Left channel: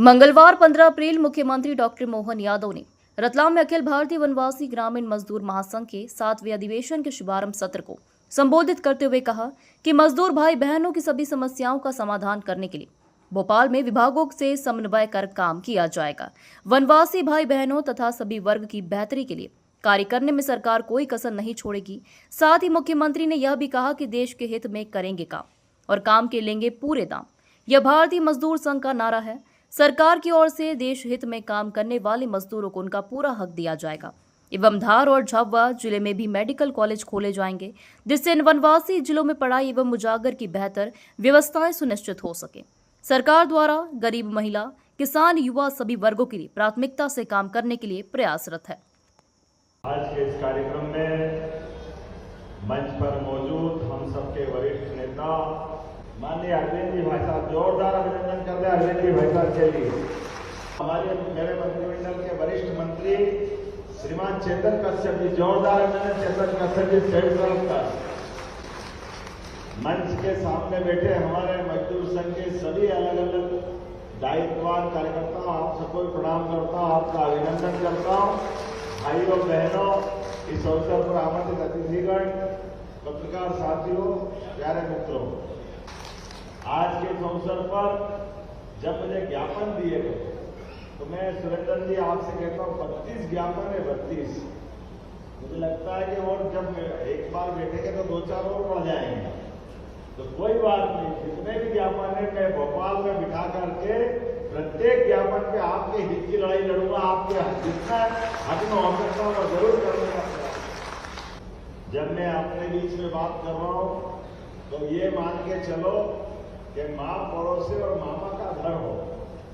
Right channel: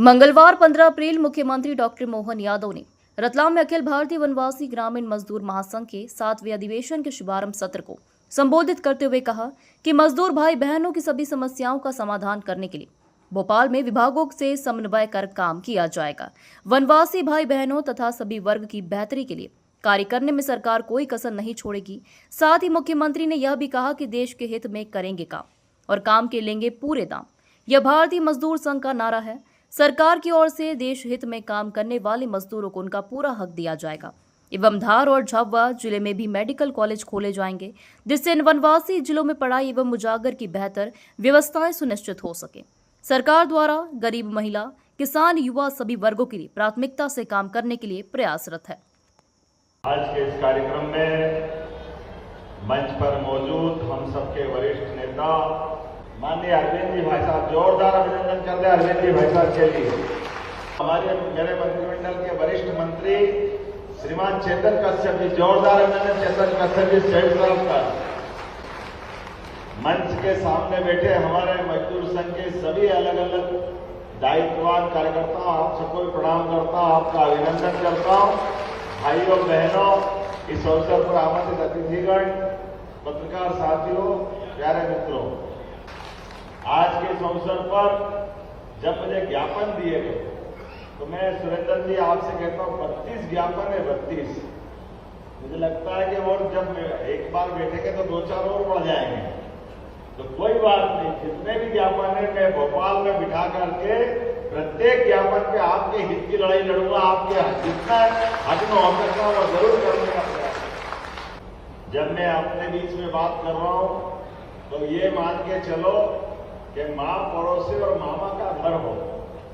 मंगलवार 15 अप्रैल मुख्यमंत्री डॉक्टर मोहन यादव ने रतलाम में अखिल भारतीय वनवासी ग्रामीण मजदूर महासंघ के 7वें अधिवेशन के शुभारंभ सत्र को संबोधित करते हुए कहा कि मजदूर भाई बहनों की सभी समस्याओं का समाधान करने के लिए भोपाल में विभागों से समन्वय कर काम किया जाएगा। वनवासी भाई बहनों तथा सभी वर्ग की बेहतरी के लिए कार्य करने में सरकार कोई कसर नहीं छोड़ेगी। साथ ही मुख्यमंत्री ने यह भी कहा कि देश के हित में करेंगे काम और काम के लेंगे पूरे दाम। यह भारतीय मजदूर संघ का नारा है। सरकार की ओर से देश हित में काम करने वाले मजदूरों को उनका पूरा हक दिया जाएगा एवं धार और झाबुआ जिले में भी मेडिकल कॉलेज खोले जाएंगे, जिससे इन वनवासी जिलों में पढ़ाई एवं मुजागर की बेहतर व्यवस्थाएं सुनिश्चित हो सके। सरकार द्वारा गरीब महिला, किसान, युवा सभी वर्गों के लिए प्राथमिकता से काम करने के लिए प्रयासरत है। आज के इस कार्यक्रम में मंच पर मौजूद हम सबके वरिष्ठ नेता माननीय अरविंद जी भाई साहब, जोरदार अभिनंदन कर दे अरविंद जी भाई साहब के लिए। मेरे मंत्रिमंडल के वरिष्ठ मंत्री श्रीमान चेतन कश्यप जी, जोरदार अभिनंदन चेतन कश्यप जी सेठ साहब का। मंच के सामने बैठे हमारे मजदूर संघ के सभी अलग अलग दायित्ववान कार्यकर्ता, आप सबको प्रणाम करता हूं, आपका अभिनंदन करता हूं। भाइयों बहनों, इस अवसर पर आमंत्रित अतिथिगण, पत्रकार साथियों, प्यारे मित्रों, आज के इस अवसर पर जब मुझे ज्ञापन दिए गए तो मैं सुरेंद्र जी आपसे कहता हूं 32 ज्ञापन है, 32। मुझे लगता है कि वो जब एक बार बैठेंगे तो 2-4 और बढ़ जाएंगे, तो कोई बात नहीं। जितने भी ज्ञापन है मैं भोपाल में बिठा करके प्रत्येक ज्ञापन पे आपके हित की लड़ाई लड़ूंगा, आपके जितना हक में हो सकता वो जरूर करने का प्रयास। जब मैं अपने बीच में बात कर रहा हूं तो ये मान के चलो कि माँ पड़ोसी और मामा का घर हो,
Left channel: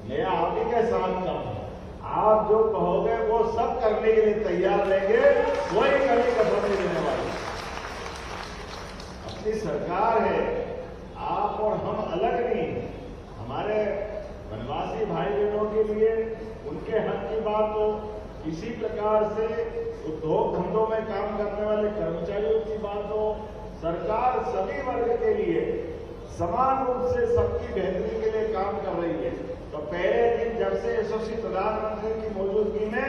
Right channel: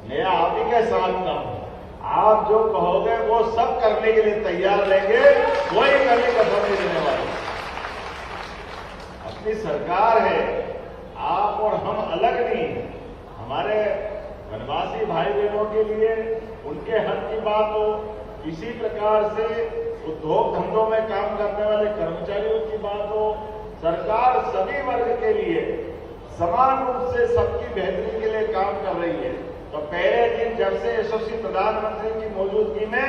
मैं आप ही के साथ का हूं। आप जो कहोगे वो सब करने के लिए तैयार रहेंगे, कोई करने का कसर नहीं देने वाला। अपनी सरकार है, आप और हम अलग नहीं है। हमारे वनवासी भाई बहनों के लिए उनके हक की बात हो, इसी प्रकार से उद्योग धंधों में काम करने वाले कर्मचारियों की बात हो, सरकार सभी वर्ग के लिए समान रूप से सबकी बेहतरी के लिए काम कर रही है। तो पहले दिन जब से यशस्वी प्रधानमंत्री की मौजूदगी में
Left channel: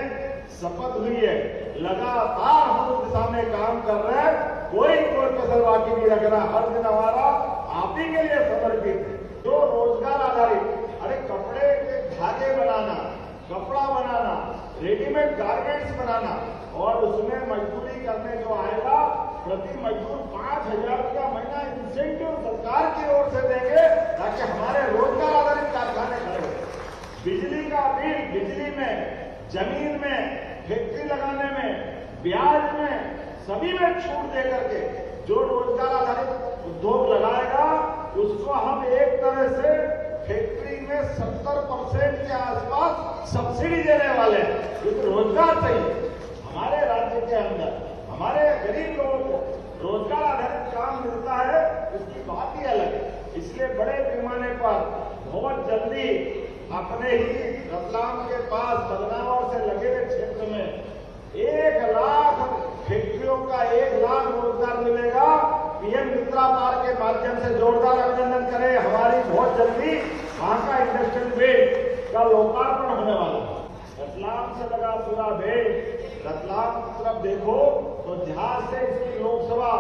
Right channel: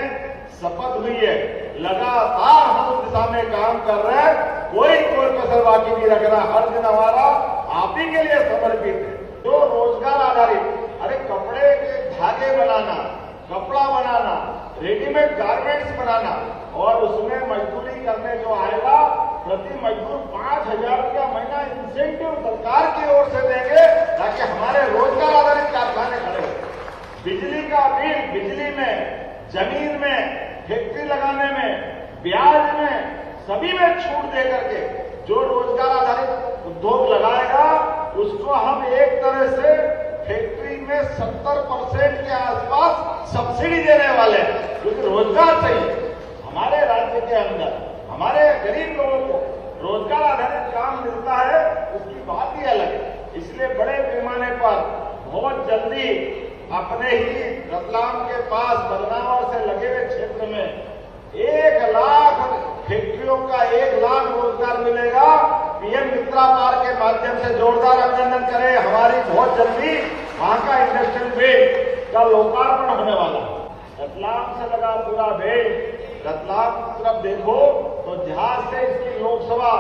शपथ हुई है, लगातार हम उस दिशा में काम कर रहे हैं, कोई कसर बाकी नहीं रख रहा। हर दिन हमारा आप ही के लिए समर्पित है। तो रोजगार आधारित, अरे कपड़े के धागे बनाना, कपड़ा बनाना, रेडीमेड गारमेंट्स बनाना और उसमें मजदूरी करने जो आएगा प्रति मजदूर 5,000 रुपया महीना इंसेंटिव सरकार की ओर से देंगे, ताकि हमारे रोजगार आधारित कारखाने खड़े हो। बिजली का बिल, बिजली में, जमीन में, फैक्ट्री लगाने में, ब्याज में, सभी में छूट दे करके जो रोजगार आधारित उद्योग लगाएगा उसको हम एक तरह से फैक्ट्री में 70% के आसपास सब्सिडी देने वाले हैं, क्योंकि रोजगार चाहिए। हमारे राज्य के अंदर हमारे गरीब लोगों को रोजगार आधारित काम मिलता है, उसकी बात ही अलग है। इसलिए बड़े पैमाने पर बहुत जल्दी अपने ही रतलाम के पास बदनावर से लगे हुए क्षेत्र में 1 लाख फैक्ट्रियों का 1 लाख रोजगार मिलेगा। पीएम मित्रा पार्क के माध्यम से जोरदार अभिनंदन करें। हमारी बहुत जल्दी वहां का इंडस्ट्रियल बेस का लोकार्पण होने वाला है। रतलाम से लगा पूरा देश, रतलाम की तरफ देखो तो जहां से इसकी लोकसभा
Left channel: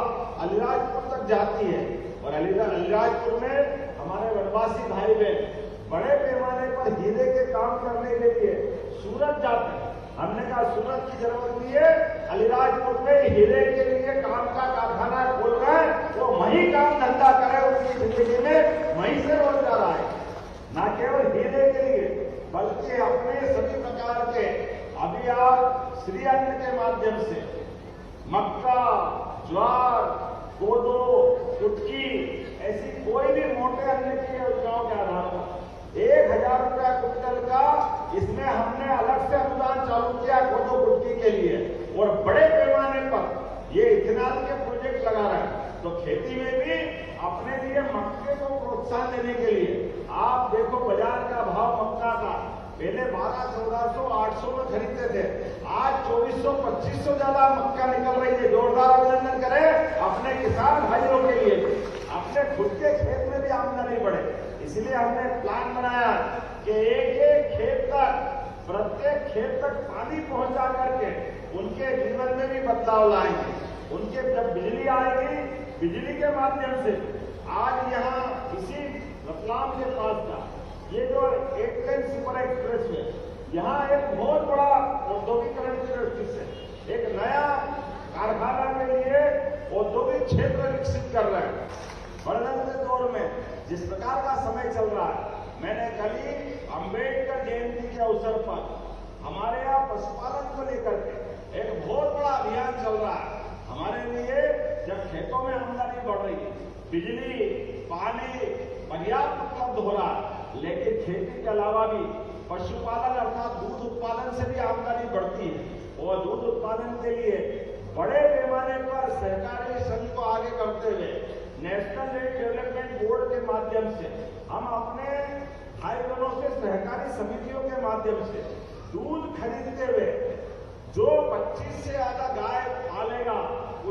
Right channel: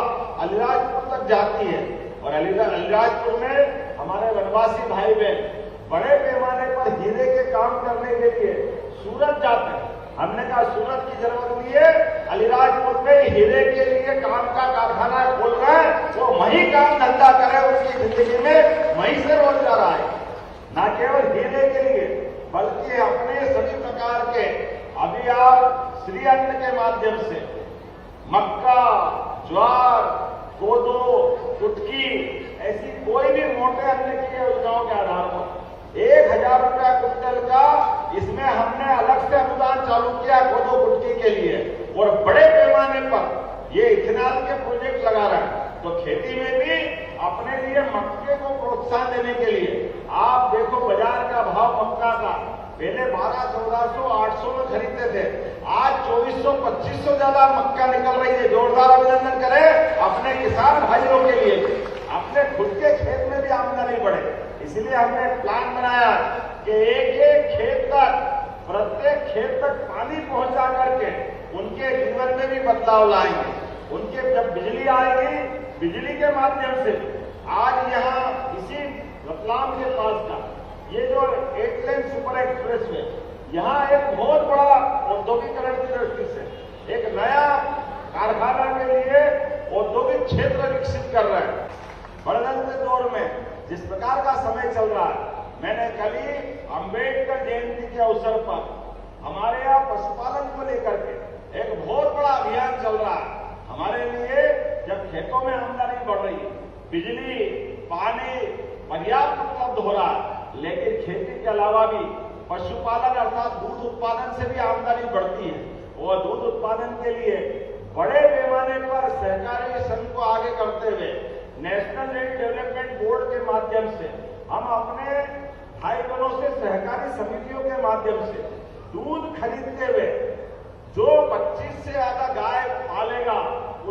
अलीराजपुर तक जाती है और अलीराजपुर में हमारे वनवासी भाई बहन बड़े पैमाने पर हीरे के काम करने के लिए सूरत जाते हैं। हमने कहा सूरत की जरूरत नहीं है, अलीराजपुर में हीरे के लिए काम का कारखाना खोल रहे हैं, वो वहीं काम धंधा करे, उनकी जिंदगी में वहीं से रोजगार आए। न केवल हीरे के लिए बल्कि अपने सभी प्रकार के, अभी आप श्री अन्न के माध्यम से मक्का, ज्वार, कोदो, कुटकी, ऐसी कोई भी मोटे अन्न की योजनाओं के आधार पर 1,000 रुपया क्विंटल का इसमें हमने अलग से अनुदान चालू किया कोदो कुटकी के लिए, और बड़े पैमाने पर ये इथेनॉल के प्रोजेक्ट लगा रहा है। तो खेती में भी अपने लिए मक्के को प्रोत्साहन देने के लिए आप देखो बाजार का भाव मक्का का पहले 1200-1400, 800 में खरीदते थे, आज 2400-2500 ज्यादा मक्का निकल रही है। जोरदार अभिनंदन करें अपने किसान भाइयों के लिए, अपने खुद के खेत में भी आमदनी बढ़े। इसलिए हमने प्लान बनाया कि एक एक खेत तक पानी पहुंचा करके उनके जीवन में भी बदलाव लाएंगे। उनके जब बिजली आएगी, बिजली के माध्यम से आज यहाँ इसी रतलाम के पास का ये जो 8 लेन सुपर एक्सप्रेस है, यहाँ एक बहुत बड़ा औद्योगिकरण की दृष्टि से एक नया कारखाना के लिए औद्योगिक क्षेत्र विकसित कर रहे हैं। बढ़ते दौर में जिस प्रकार का समय चल रहा है, मैंने कल ही अम्बेडकर जयंती के अवसर पर हमारे यहाँ पशुपालन को लेकर के एक बहुत बड़ा अभियान चल रहा है। हमारे लिए जब खेतों में आमदनी बढ़ रही है, बिजली पानी पर्याप्त उपलब्ध हो रहा है, लेकिन खेती के अलावा भी पशुपालन अर्थात दूध उत्पादन से भी आमदनी बढ़ती है और दूध उत्पादन के लिए बड़े पैमाने पर सहकारी संघ को आगे करते हुए नेशनल डेयरी डेवलपमेंट बोर्ड के माध्यम से हम अपने भाई बहनों से सहकारी समितियों के माध्यम से दूध खरीदते हुए जो 25 से ज्यादा गाय पालेगा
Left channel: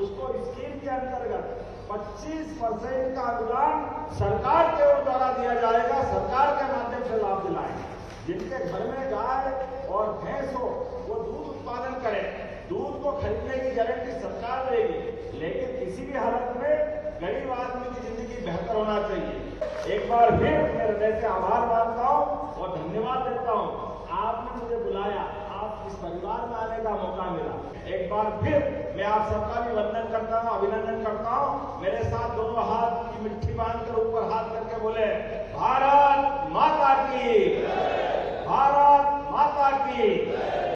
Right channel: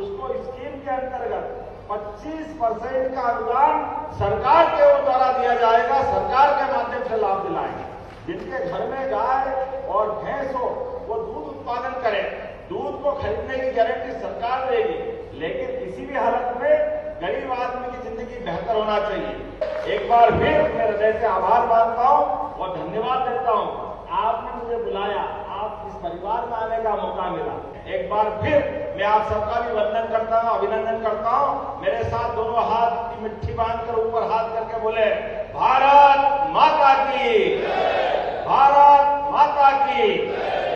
उसको स्कीम के अंतर्गत 25% का अनुदान सरकार के ओर द्वारा दिया जाएगा। सरकार के माध्यम से लाभ दिलाएंगे। जिनके घर में गाय और भैंस हो वो दूध उत्पादन करें, दूध को खरीदने की गारंटी सरकार देगी, लेकिन किसी भी हालत में गरीब आदमी की जिंदगी बेहतर होना चाहिए। एक बार फिर मैं हृदय से आभार मानता हूं और धन्यवाद देता हूं। आपने मुझे बुलाया, आप इस परिवार में आने का मौका मिला। एक बार फिर मैं आप सबका भी वंदन करता हूं, अभिनंदन करता हूं। मेरे साथ दोनों हाथ की मुट्ठी बांधकर ऊपर हाथ करके बोले, भारत माता की, भारत माता की।